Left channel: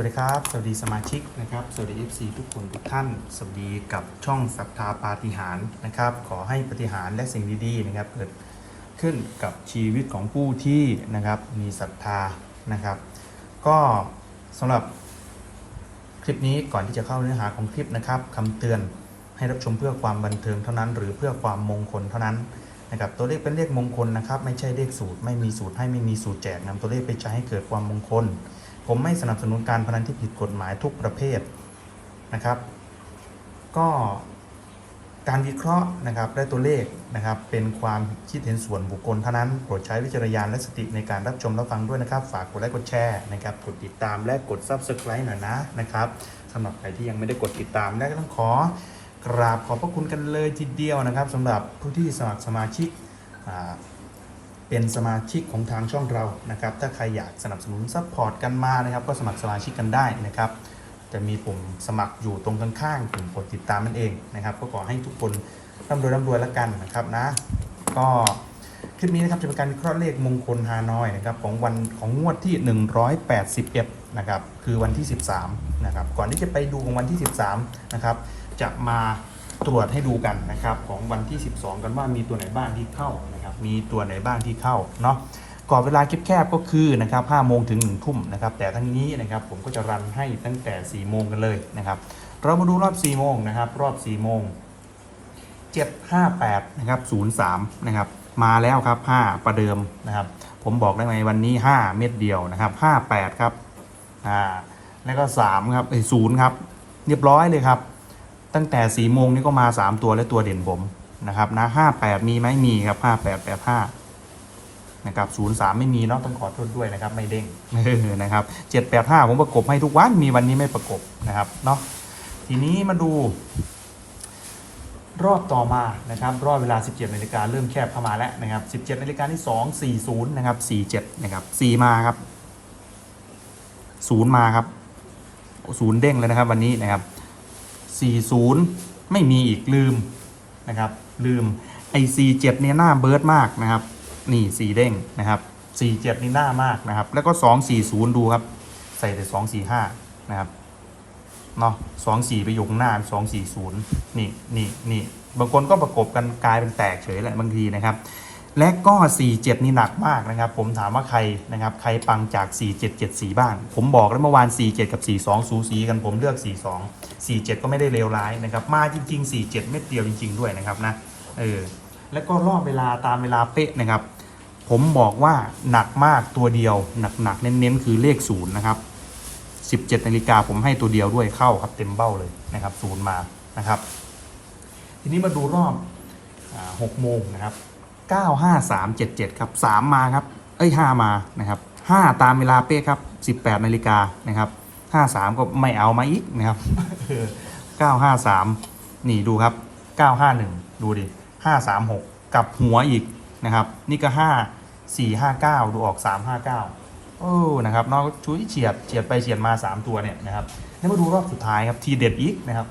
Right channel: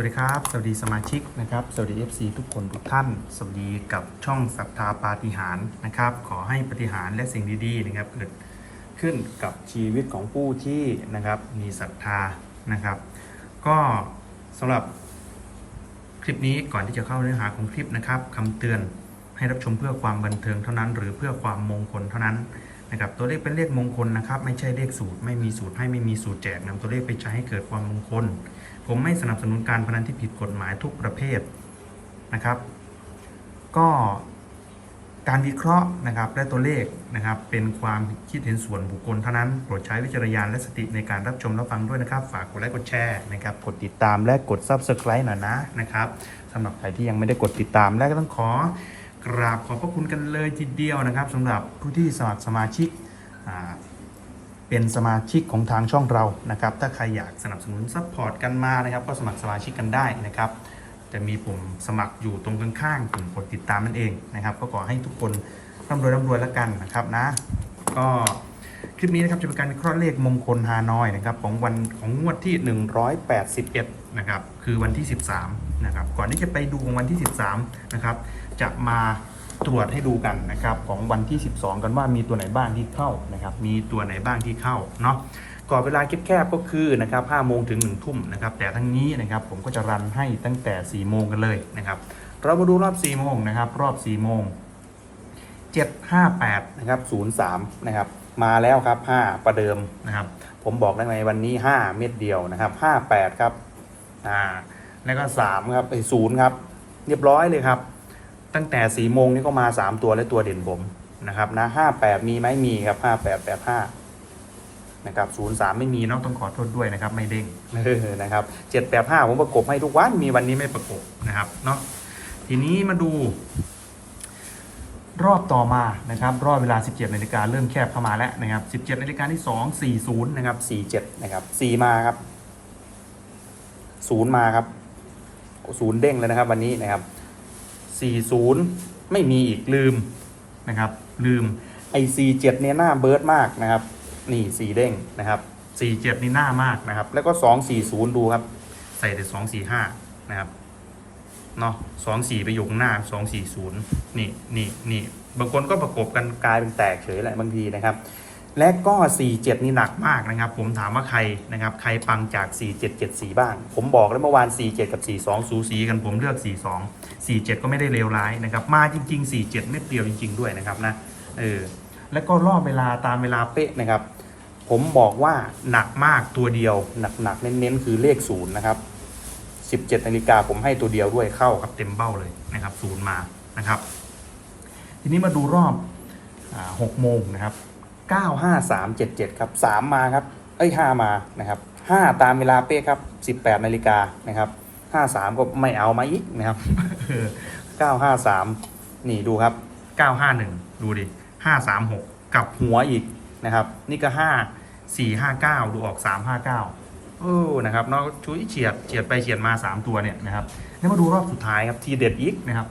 วัสดีครับ สวัสดีสมาชิกนะครับ สวัสดี FC ทุกคนทุกท่าน สวัสดีกับช่องศรัทธาปาฏิหาริย์นะครับ ขอให้ปฏิหารและสิ่งดีๆนะครับเกิดขึ้นกับชีวิตของผู้ที่นะครับมีศรัทธานะครับ ก็สำหรับคลิปนี้ก่อนที่จะเข้าเนื้อหาของคลิปนะครับคำเตือนให้รับชมเพื่อความบันเทิงเท่านั้น หรือเพื่อความมงคลเท่านั้นนะครับตัวเลขเป็นเลขมงคลนะครับ ไม่ใช่เลขสูตรไม่มีสูตรให้ไม่มีสูตรแจกนำตัวเลขไปใช้ให้เกิดความมงคล ผมไม่สนับสนุนการพนันที่ผิดกฎหมายทุกประเภทนะครับ ก็การวิเคราะห์นะครับและตัวเลขนะครับ เป็นความคิดเห็นส่วนบุคคลเท่านั้น โปรดใช้วิจารณญาณและสติในการรับชมรับฟังด้วยนะครับ ฝากกดไลค์กดแชร์นะครับ กดติดตามและกด Subscribe หน่อยนะนะครับสำหรับใครที่ยังไม่ได้กดติดตามและก็ต้องขอกราบขอบพระคุณกันเลยทีเดียวนะครับสำหรับผู้ที่สมัครสมาชิกอ่า เป็นสมาชิกของทางช่องเรานะครับ ถ้าใครอยากสนับสนุนซัพพอร์ตกันมานะครับ ก็สมัครสมาชิกกันได้นะครับ จะมีปุ่มสมัครอยู่ตรงข้างๆปุ่มกดติดตามนั่นเองนะครับ ก็ขอให้ทุกคนร่ำรวยร่ำรวยแล้วกันนะครับนะ ก็คลิปนี้นะครับจะเป็นการวิเคราะห์เลขมงคลฮานอยนะครับของวันของงวดที่ 181 นะครับ คือวันที่ 13 นะครับ ก่อนที่จะไปดูของวันที่ 13 นะครับ จะมา ตรวจให้ดูกันนะครับของวันที่ 12 กันว่ามีตัวไหนบ้างที่เข้านะครับมีตัวไหนบ้างที่เข้าเนาะก่อนเวลาแคบๆก็คือนะครับ5โมงถึง1ทุ่มนะครับแต่ทั้งนี้นะครับผมก็จะรันให้ตั้งแต่ 4 โมงกันเลยนะครับเรามาดูรอบ 4 โมงนะครับรอบ 4 โมง 758นะครับ03นะครับมาแล้วครับ 5 ประเดิมนะครับผมบอกได้ไหมวันนี้ 5 เม็ดเดียวนะครับ58ครับอ่าแล้วก็3ครับไอ้ศูนย์ครับเรียบร้อยเลยครับ ตั้งแต่4โมงนี่ก็มา3ตัวและตัวเด่นผมนะครับนะ58มีไหมมีครับ5885นะครับ03ไม่มีเนาะต้องขอโทษด้วยนะครับไม่เด้งนะครับ785ผมประกบให้ทุกวันมีวันนี้ไม่ประกบนะครับเนาะทีนี้มาดู รอบต่อมานะครับ รอบเวลา 17นาฬิกาเริ่มแคบเข้ามาแล้วนะครับ 17นาฬิกาที่ 2 40นะครับ47นะครับ4มาครับ0มาครับ0เด้งเลยนะครับ วันนี้นะครับ 40 ไม่มีอีกลืมนะครับ ลืมไอ47เนี่ยหน้าเบิร์ดมากนะครับ นี่สีเด้งนะครับ47นี่หน้ามากนะครับ แล้วก็240ดูครับ ใส่แต่245นะครับเนาะสองสี่ไปอยู่ข้างหน้าสองสี่ศูนย์นี่นี่นี่บางคนก็ประกบกันกลายเป็นแตกเฉยแหละบางทีนะครับ และก็สี่เจ็ดนี่หนักมากนะครับ ผมถามว่าใครนะครับ ใครปังจาก 4774 บ้าง ผมบอกแล้วเมื่อวาน 47 กับ 42 สูสีกันผมเลือก 42 47 ก็ไม่ได้เลวร้ายนะครับ มาจริง ๆ 47 เม็ดเดียวจริง ๆ ด้วยนะครับนะ เออ แล้วก็รอบเวลาตามเวลาเป๊ะนะครับ ผมบอกว่าหนักมากตัวเดียว หนักๆ เน้นๆ คือเลขศูนย์นะครับ 17 นาฬิกาผมให้ตัวเดียวด้วยเข้าครับเต็มเบ้าเลยนะครับศูนย์มานะครับ ทีนี้มาดูรอบหกโมงนะครับ 9 5 3 7 7 ครับ 3 มาครับ เอ้ย 5 มานะครับ 5 ตามเวลาเป๊ะครับ 18นาฬิกานะครับ 53 ก็ไม่เอามาอีกนะครับ 953 นี่ดูครับ 951 ดูดิ 536 กับหัวอีกนะครับ นี่ก็ 5 4 5 9 ดูออก 359 โอ้นะครับนอกชุยเฉียดเฉียดไปเฉียดมา 3 ตัวเนี่ยนะครับ แล้วมาดูรอบสุดท้ายครับ ทีเด็ดอีกนะครับ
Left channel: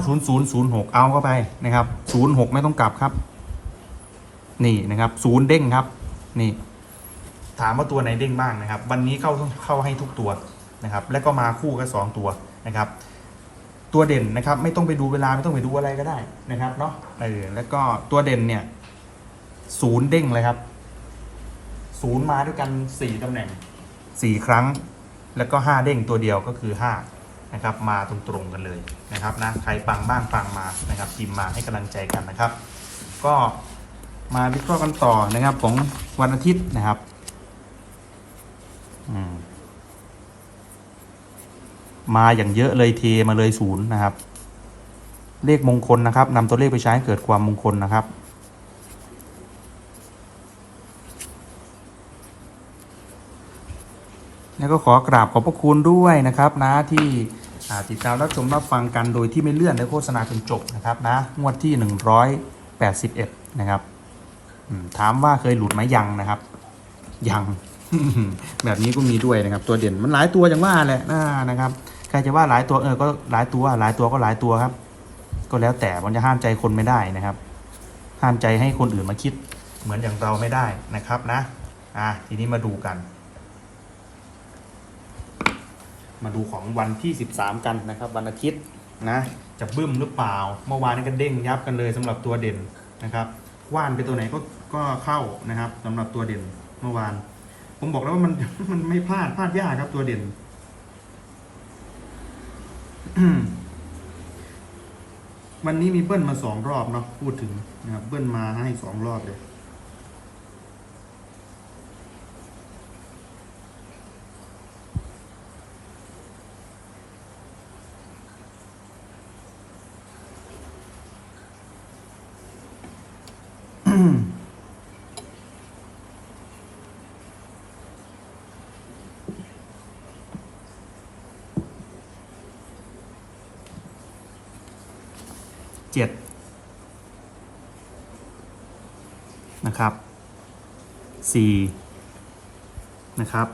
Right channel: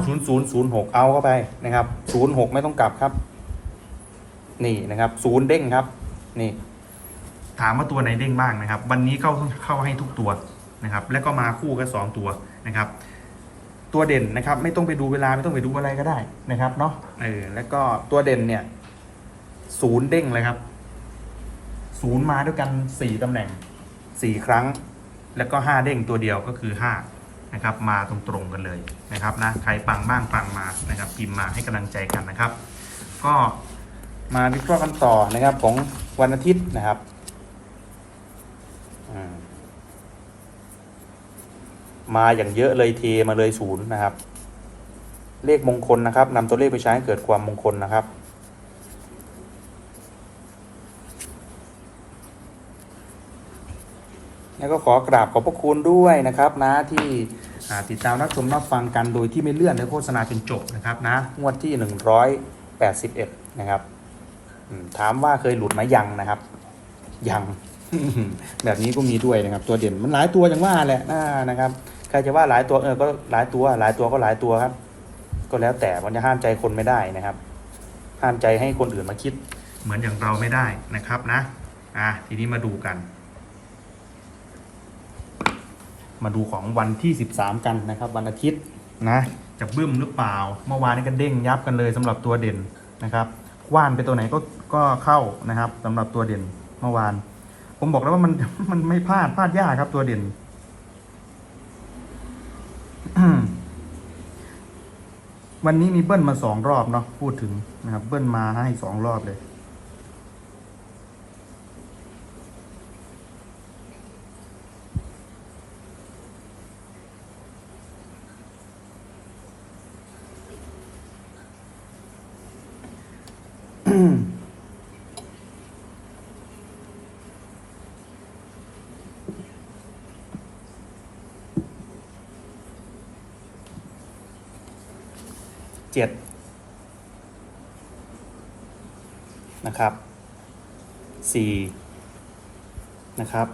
90006 เอาเข้าไปนะครับ 06 ไม่ต้องกลับครับ นี่นะครับศูนย์เด้งครับ นี่ ถามว่าตัวไหนเด้งบ้างนะครับ วันนี้เข้าเข้าให้ทุกตัวนะครับ และก็มาคู่กันสองตัวนะครับ ตัวเด่นนะครับ ไม่ต้องไปดูเวลาไม่ต้องไปดูอะไรก็ได้นะครับเนาะเออแล้วก็ตัวเด่นเนี่ยศูนย์เด้งเลยครับศูนย์มาด้วยกัน4ตำแหน่ง4ครั้ง แล้วก็5เด้งตัวเดียวก็คือ5นะครับ มาตรงๆกันเลยนะครับนะใครปังบ้างปังมานะครับ พิมพ์มาให้กำลังใจกันนะครับ ก็ มาวิเคราะห์กันต่อนะครับ ของวันอาทิตย์นะครับมาอย่างเยอะเลยเทมาเลยศูนย์นะครับ เลขมงคลนะครับนำตัวเลขไปใช้ให้เกิดความมงคลนะครับ แล้วก็ขอกราบขอบพระคุณด้วยนะครับนะที่ติดตามรับชมรับฟังกันโดยที่ไม่เลื่อนและโฆษณาจนจบนะครับนะงวดที่ 181 นะครับ ถามว่าเคยหลุดไหมยังนะครับ ยัง แบบนี้ก็มีด้วยนะครับ ตัวเด่นมันหลายตัวอย่างว่าแหละน่านะครับใครจะว่าหลายตัวเออก็หลายตัว หลายตัวก็หลายตัวครับ ก็แล้วแต่มันจะห้ามใจคนไม่ได้นะครับ ห้ามใจให้คนอื่นมาคิด เหมือนอย่างเราไม่ได้นะครับนะ อะทีนี้มาดูกัน มาดูของวันที่ 13 กันนะครับ วันอาทิตย์นะจะบึ้มหรือเปล่า เมื่อวานนี้ก็เด้งยับกันเลยสำหรับตัวเด่นนะครับ ว่านไปตัวไหนก็ ก็เข้านะครับสำหรับตัวเด่นเมื่อวาน ผมบอกแล้วว่ามันมันไม่พลาดพลาดยากครับตัวเด่นวันนี้มีเบิ้ลมาสองรอบเนาะพูดถึงนะครับ เบิ้ลมาให้สองรอบเลย Mm-hmm. 7นะครับ4นะครับ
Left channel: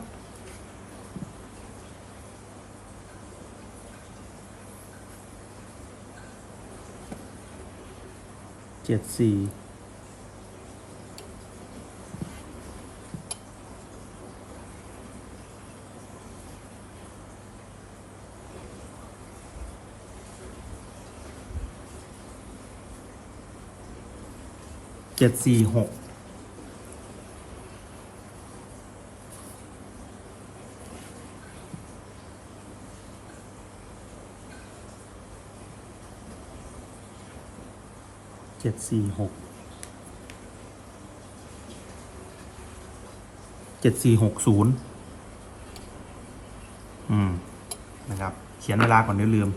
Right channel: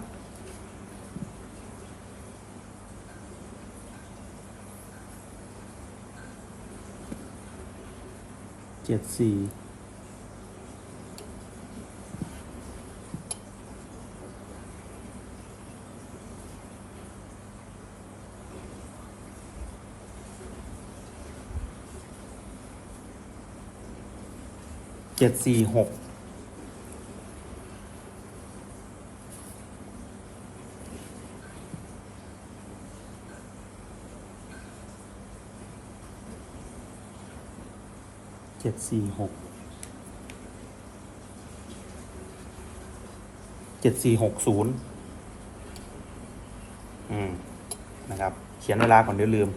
เจ็ดสี่ เจ็ดสี่หกเจ็ดสี่หกเจ็ดสี่หกศูนย์อืม นะครับ เขียนเวลาก่อนเดี๋ยวลืม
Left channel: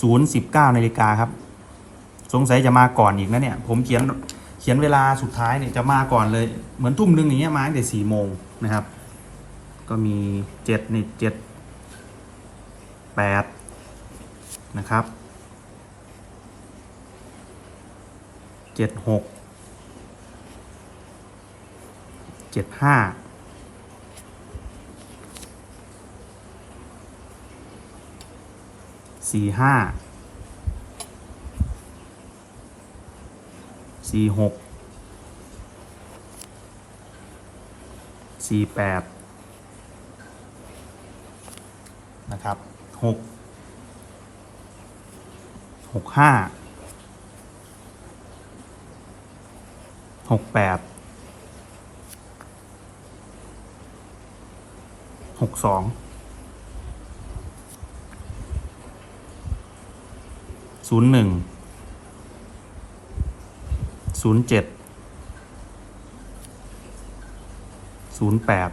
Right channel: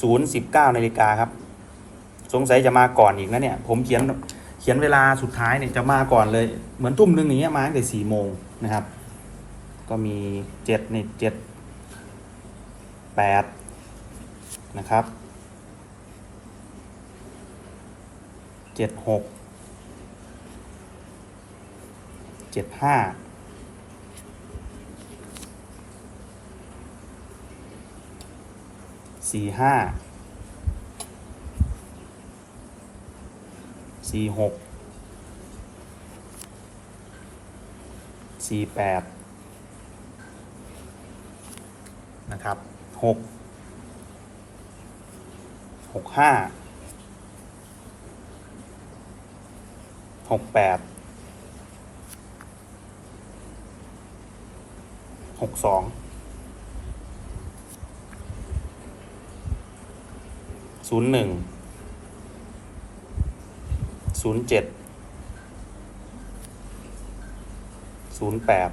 ศูนย์สิบเก้านาฬิกาครับ สงสัยจะมาก่อนอีกนะเนี่ยผมเขียนเขียนเวลาสุดท้ายเนี่ยจะมาก่อนเลย เหมือนทุ่มหนึ่งอย่างเงี้ยมาตั้งแต่สี่โมงนะครับ ก็มีเจ็ดนี่เจ็ดแปดนะครับเจ็ดหกเจ็ดห้าสี่ห้า สี่หกสี่แปดนะครับหกหกห้าหกแปดหกสองศูนย์หนึ่ง ศูนย์เจ็ดศูนย์แปด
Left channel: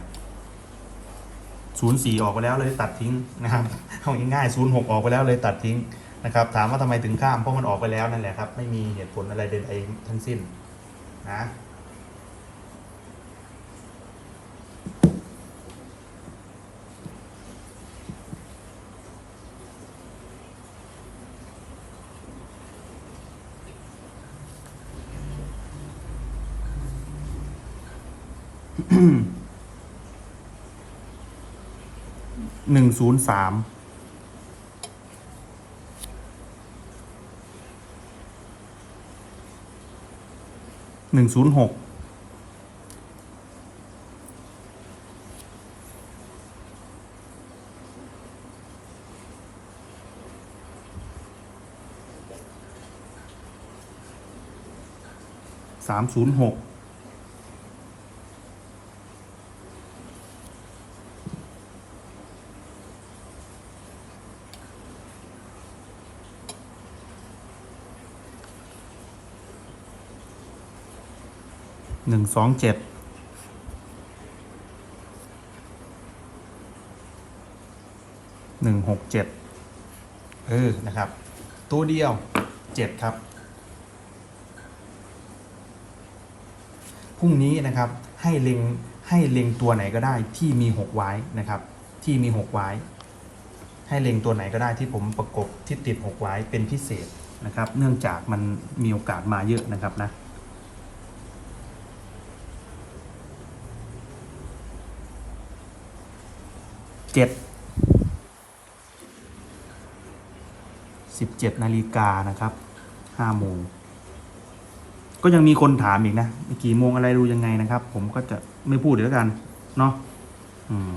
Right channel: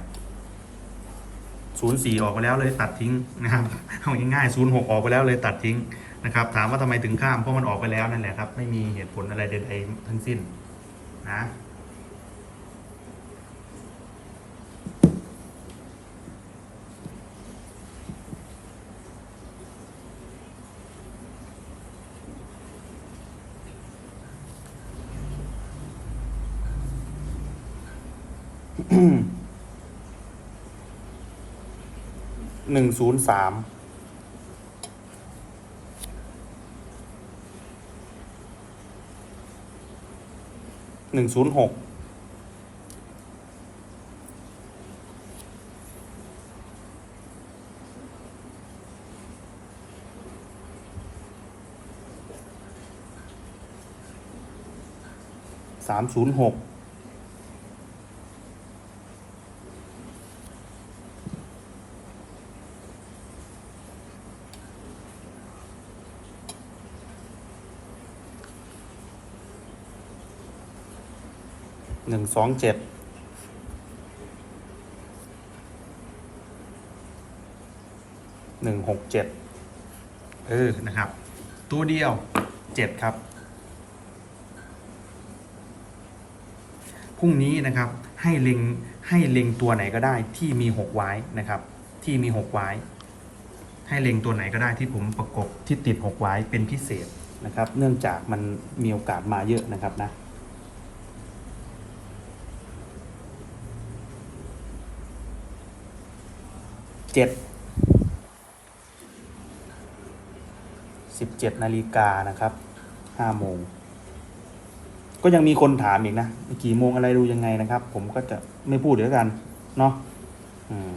ศูนย์สี่ออกไปแล้วเลยตัดทิ้งนะครับเอาง่ายๆศูนย์หกออกไปแล้วเลยตัดทิ้งนะครับ ถามว่าทำไมถึงข้ามเพราะมันออกไปแล้วนั่นแหละครับ ไม่มีเหตุผลอะไรใดๆทั้งสิ้นนะ หนึ่งศูนย์สามหนึ่งศูนย์หกสามศูนย์หก หนึ่งสองเจ็ดหนึ่งหกเจ็ดเออนะครับ ตัวเดียวเจ็ดครับพรุ่งนี้นะครับให้เล็งให้เล็งตัวไหนก็ได้ที่มีหกไว้นะครับ ที่มีหกไว้ ให้เล็งตัวไหนก็ได้ที่ผมประกบที่ติดหกไว้เป็นพิเศษนะครับ เนื่องจากมันมีโอกาสมาเยอะนะครับนะ เจ็ดสิบเจ็ดนาฬิกานะครับห้าโมงก็ยังมีคนถามอีกนะกี่โมงอะไรดูยังไงนะครับ ผมก็จะไม่พูดเดี๋ยวกัน เนาะอืม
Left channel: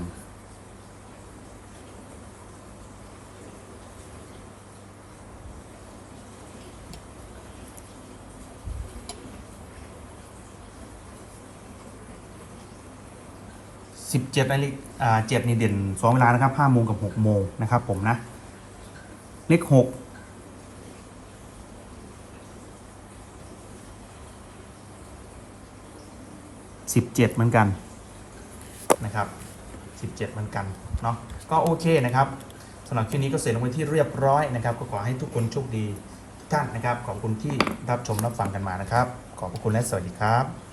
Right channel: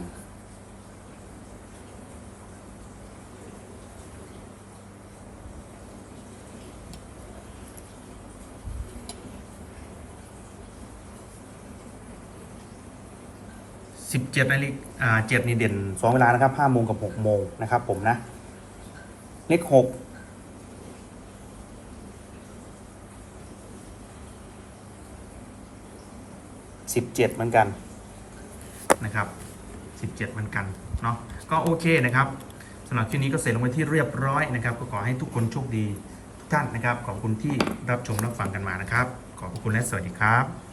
17นาฬิกา7นี่เด่น2เวลานะครับ5โมงกับ6โมงนะครับผมนะ เลข6 17เจ็ดเหมือนกันนะครับ17เหมือนกันเนาะก็โอเคนะครับสำหรับคลิปนี้ก็เสร็จลงไปที่เรียบร้อยนะครับ ก็ขอให้ทุกคนโชคดีทุกท่านนะครับ ขอบคุณที่รับชมรับฟังกันมานะครับ ขอบพระคุณและสวัสดีครับ